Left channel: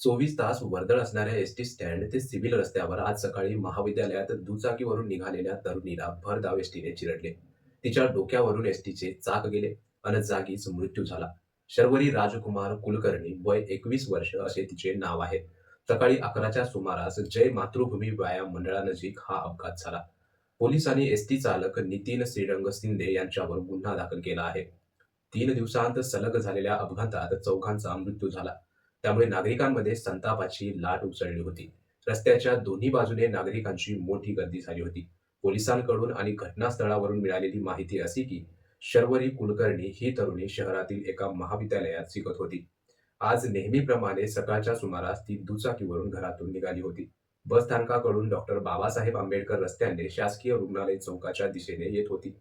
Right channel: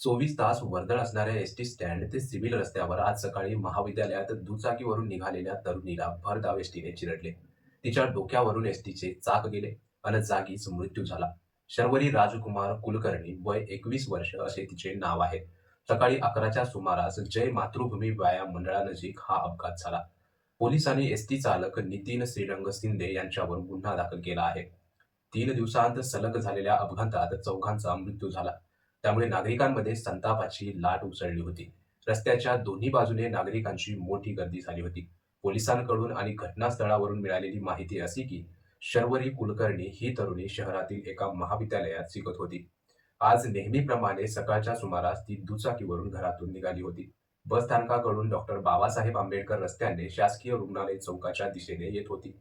24 तास वर्दळ असणाऱ्या एसटी स्टँड ते सिव्हिल रस्त्यावर आज सकाळी महाविद्यालयात दुचाकीवरून निघालेल्या तरुणीला भरधाव एसटीने चिरडले. तिच्या डोक्यावरून एसटीचे चाक गेले आणि जागीच मृत्यू झाला. शर्वरी राजकुमार कुलकर्णी, वय 21 वर्ष असे तिचे नाव आहे. सकाळी 11च्या सुमारास जय मातृभूमी व्यायाम मंडळानजीक हा अपघात झाला. पोलिसांनी एसटी चालक नितीन श्रीरंग शिंदे यांच्यावर गुन्हा दाखल केला आहे. 3 दिवसांत सलग झालेल्या अपघातात चौघांचा मृत्यू झाला. त्यामुळे नागरिकांमध्ये संतापाची लाट उसळली होती. रस्त्याच्या दोन्ही बाजूने नागरिकांची मोठी गर्दी झाली होती. पोलिसांकडून आणि घटनास्थळावरून मिळालेली माहिती अशी की शर्वरी कुलकर्णी ही तरुणी शहरातील एका महाविद्यालयात शिकत होती. आज नेहमीप्रमाणे सकाळच्या सुमारास ती दुचाकीवरून घरातून निघाली होती. बसस्थानकाकडून डॉक्टर बाबासाहेब आंबेडकर रस्त्याने शासकीय रुग्णालय चौकाच्या दिशेने येत होती.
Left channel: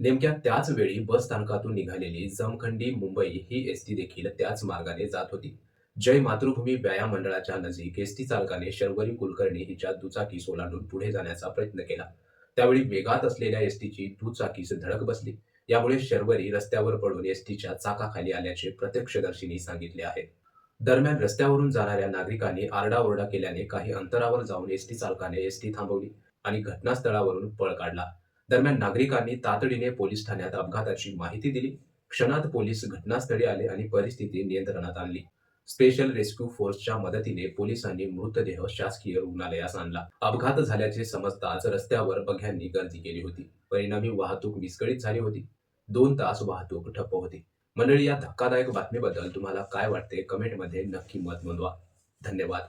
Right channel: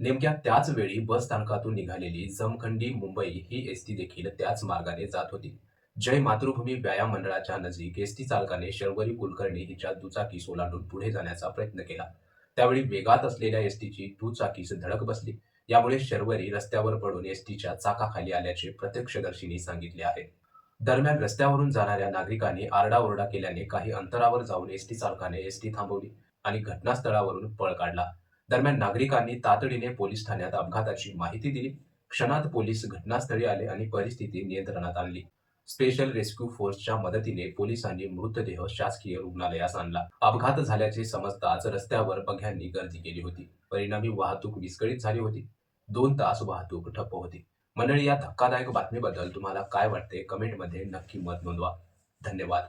नेमक्या त्याच वेळी बसस्थानकातून निघालेली जमखंडी मुंबई ही एसटी देखील त्याच मार्गाने जात होती. जय मातृभूमी व्यायाम मंडळाच्या नजीक एसटी चालकाने शर्वरी कुलकर्णी हिच्या दुचाकीस ओलांडून पुढे जाण्याचा प्रयत्न केला. त्यावेळी वेगात असलेल्या एसटीची दुचाकीस धडक बसली. यामुळे शर्वरी रस्त्यावर पडून एसटीच्या चाकाखाली आल्याचे प्रत्यक्षदर्शींनी सांगितले आहे. दरम्यान रस्त्यावरून जाणाऱ्या नागरिकांनी आरडाओरडा केल्याने काही अंतरावर जाऊन एसटी चालकाने एसटी थांबवली आणि घटनास्थळावरून पळ काढला. दरम्यान नागरिकांनी तातडीने पोलीस ठाण्यात अपघाताची माहिती दिली. क्षणात पोलीस घटनास्थळी आले आणि परिस्थिती नियंत्रणात आणली. स्पेशल रेस्क्यू फोर्सच्या मदतीने पोलिसांनी मृतदेह शासकीय रुग्णालयास आणला. अपघात झाल्याचे समजताच रस्त्यावर बघ्यांनी गर्दी केली होती. परिणामी वाहतूक विस्कळीत झाली होती. 2 तास वाहतूक ठप्प होती. मंडळी, या धक्कादायक बातमीबद्दल तुम्हाला काय वाटते कमेंटमध्ये नक्की मत नोंदवा. धन्यवाद.